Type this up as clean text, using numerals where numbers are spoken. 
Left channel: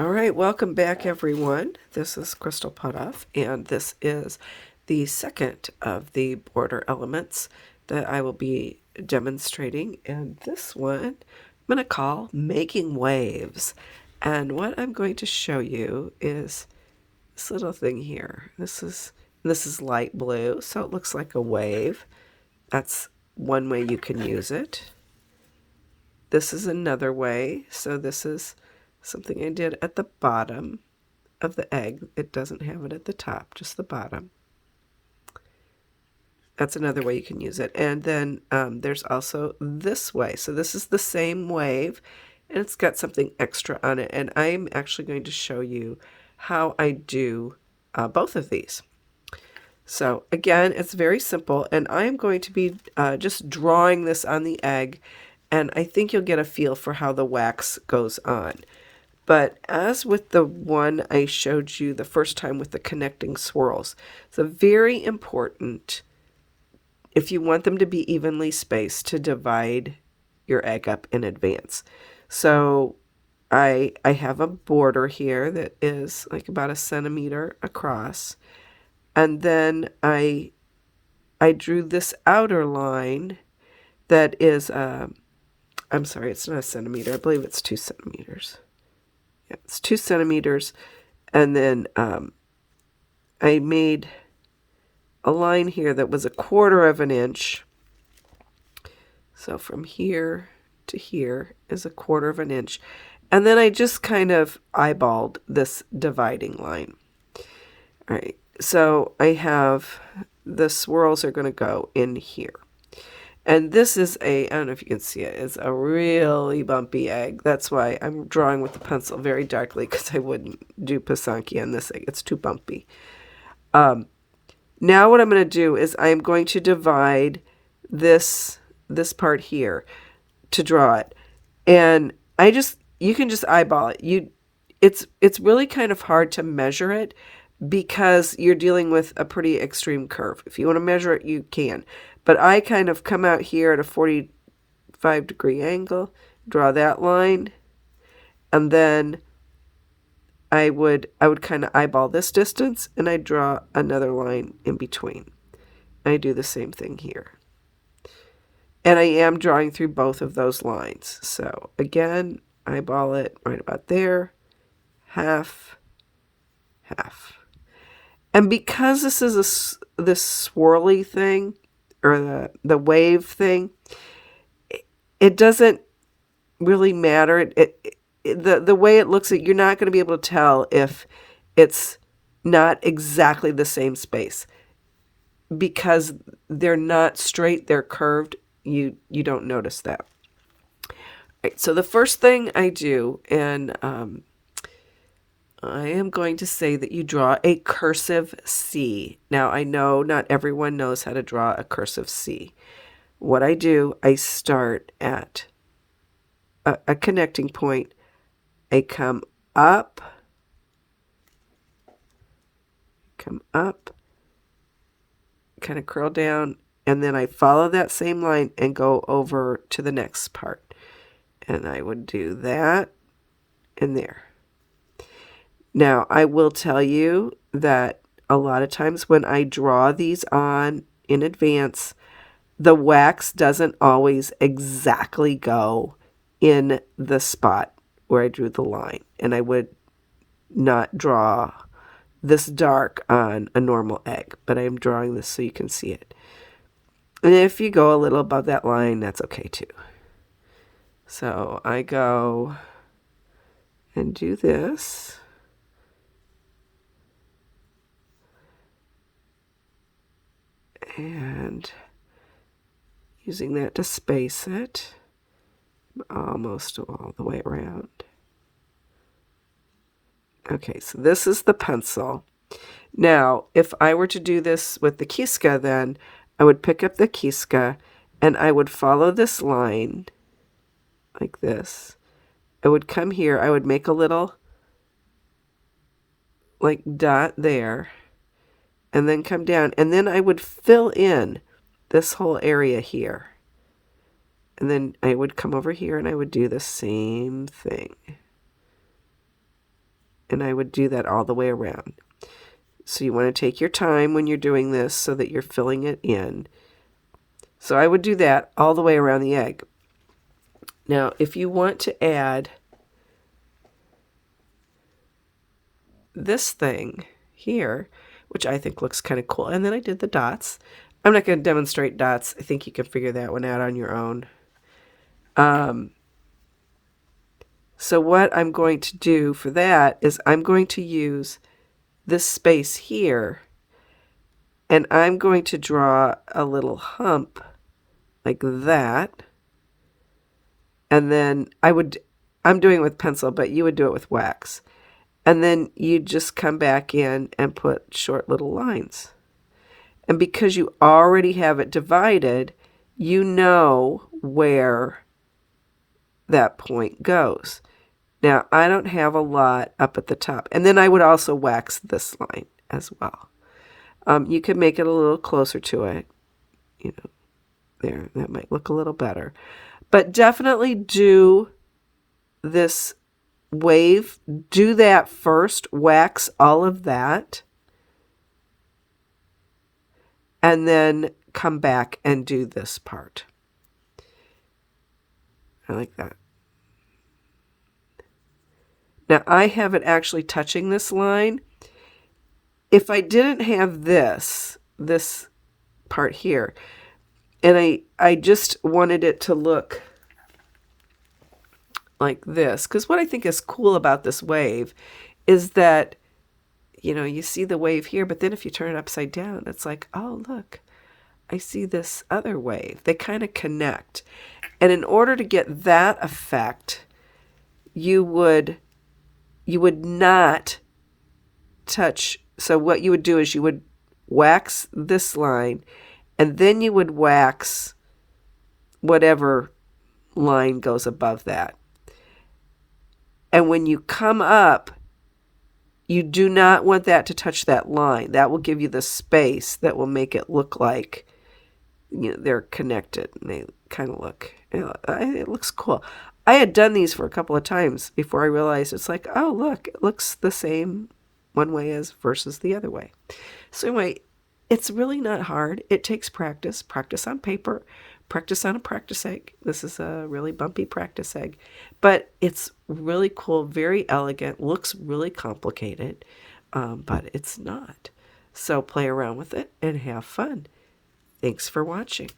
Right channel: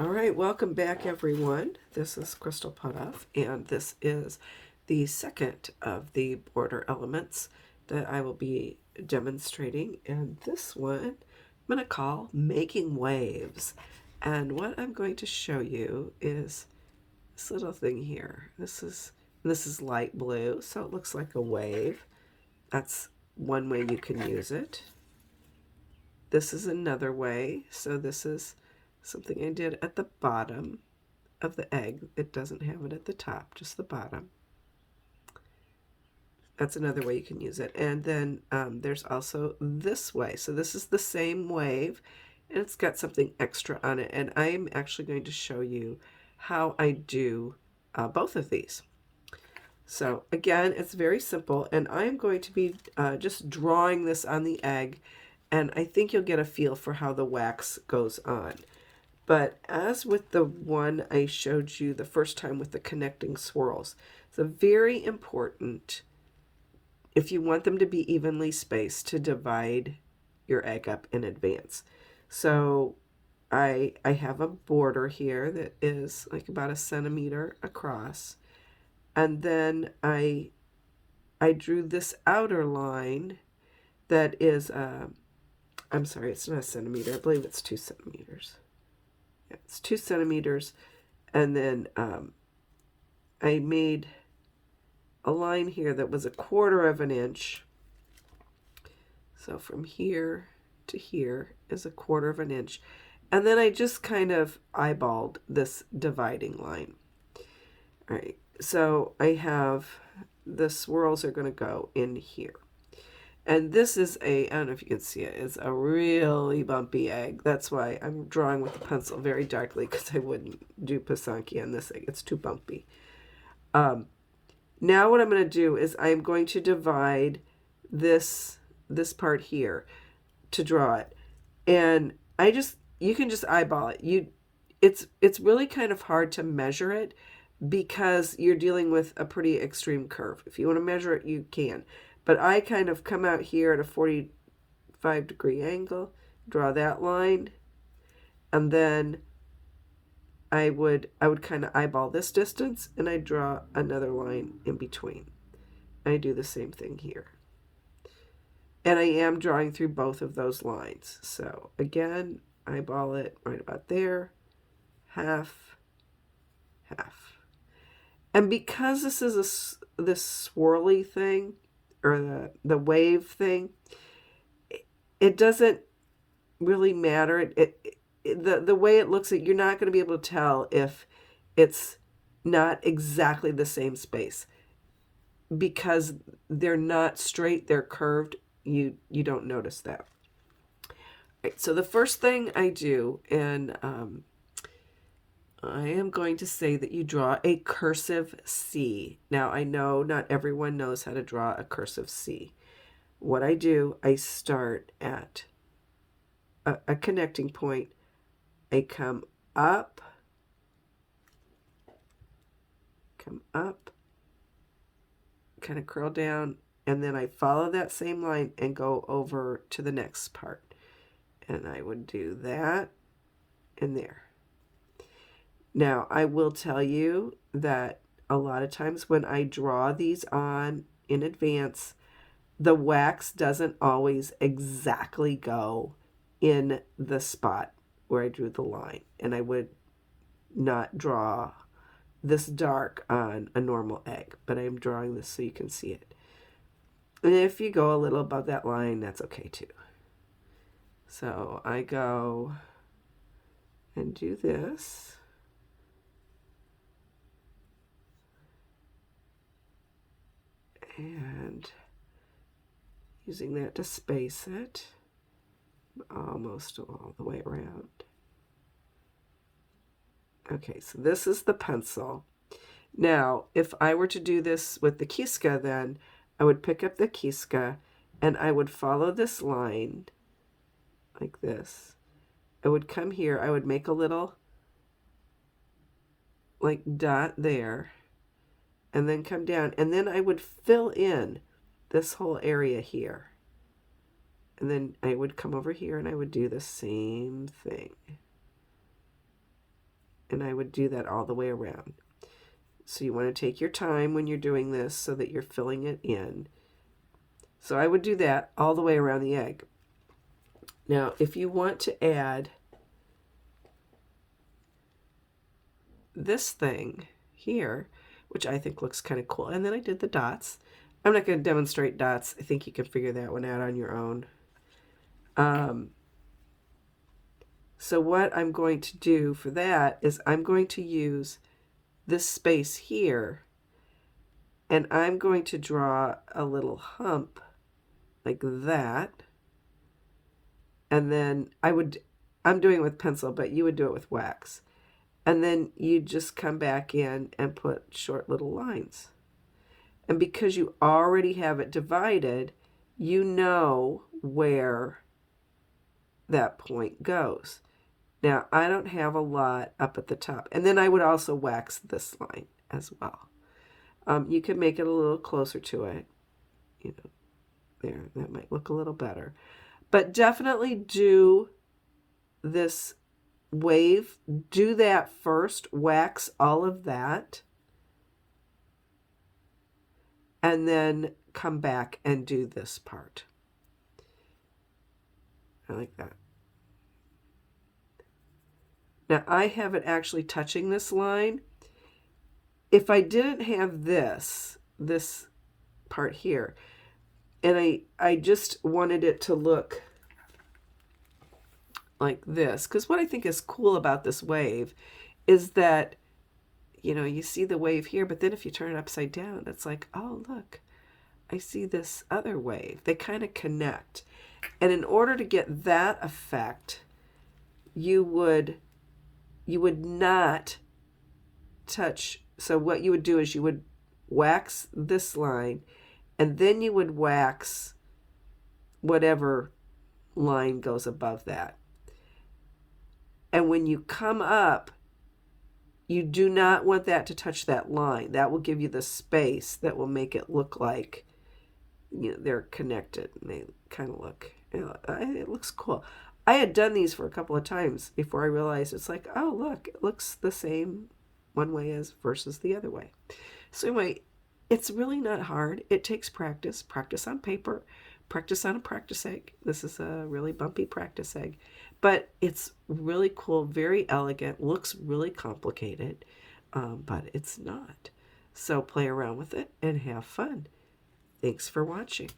All right, welcome back, everyone. This is Crystal Putoff, and this is the second of the border elements that I will be demonstrating. And this one I'm going to call Making Waves. And what I'm going to show you is this little thing here. This is light blue, so it looks like a wave. That's one way you can use it. This is another way. So this is something I did at the bottom of the egg. It doesn't have it at the top, just the bottom. That's another way you can use it. And then there's also this way. So this is the same wave, and it's got something extra on it. And I'm actually going to show you how I do both of these. So again, it's very simple, and I'm going to be just drawing this on the egg, and I think you'll get a feel for how the wax goes on. But as with the one I showed you the first time with the connecting swirls, it's very important, if you want them to be evenly spaced, to divide your egg up in advance. So I have a border here that is like about 1 centimeter across. And then I drew this outer line that is, I'm sorry, it's not 1 centimeter. I believe it's 2 centimeters. Yeah, it's 2 centimeters. And then I made a line here that was 1/4 of an inch. So from here to here is 1/4 of an inch. And then I just kind of eyeballed this dividing line. All right, so I have the swirls are going to go in here. And this is I don't know if you can see it, it's a really bumpy egg. That's why I'm drawing with the pencil very darkly, because I wouldn't do Pisanki on this egg. It's too bumpy. Now what I'm going to do is I'm going to divide this part here to draw it. And you can just eyeball it. It's really kind of hard to measure it because you're dealing with a pretty extreme curve. If you want to measure it, you can. But I kind of come out here at a 45-degree angle, draw that line, and then I would kind of eyeball this distance, and I draw another line in between. I do the same thing here. And I am drawing through both of those lines. So again, eyeball it right about there, half, half. And because this is this swirly thing, or the wave thing, it doesn't really matter. The way it looks, you're not going to be able to tell if it's not exactly the same space, because they're not straight, they're curved. You don't notice that. All right, so the first thing I do, and I am going to say that you draw a cursive C. Now, I know not everyone knows how to draw a cursive C. What I do, I start at a connecting point. I come up, kind of curl down, and then I follow that same line and go over to the next part. And I would do that and there. Now, I will tell you that a lot of times when I draw these on in advance, the wax doesn't always exactly go in the spot where I drew the line. And I would not draw this dark on a normal egg, but I'm drawing this so you can see it. And if you go a little above that line, that's okay too. So I go and do this. And using that to space it almost all the way around. Okay, so this is the pencil. Now, if I were to do this with the Kiska, then I would pick up the Kiska and I would follow this line like this. I would come here, I would make a little like dot there, and then come down, and then I would fill in this whole area here. And then I would come over here and I would do the same thing. And I would do that all the way around. So you want to take your time when you're doing this so that you're filling it in. So I would do that all the way around the egg. Now, if you want to add this thing here, which I think looks kind of cool, and then I did the dots. I'm not going to demonstrate dots. I think you can figure that one out on your own. So what I'm going to do for that is I'm going to use this space here, and I'm going to draw a little hump like that. And then I'm doing it with pencil, but you would do it with wax. And then you just come back in and put short little lines. And because you already have it divided, you know where that point goes. Now, I don't have a lot up at the top. And then I would also wax this line as well. You can make it a little closer to it. You know, there, that might look a little better. But definitely do this wave. Do that first. Wax all of that. And then come back and do this part. I like that. Now I have it actually touching this line. If I didn't have this part here, and I just wanted it to look like this, because what I think is cool about this wave is that, you know, you see the wave here, but then if you turn it upside down, it's like, oh, look, I see this other wave. They kind of connect. And in order to get that effect, you would not touch. So what you would do is you would wax this line, and then you would wax whatever line goes above that. And when you come up, you do not want that to touch that line. That will give you the space that will make it look like, you know, they're connected. And they kind of look, you know, it looks cool. I had done these for a couple of times before I realized it's like, oh, look, it looks the same one way as versus the other way. So anyway, it's really not hard. It takes practice, practice on paper, practice on a practice egg. This is a really bumpy practice egg, but it's really cool, very elegant, looks really complicated, but it's not. So play around with it and have fun. Thanks for watching.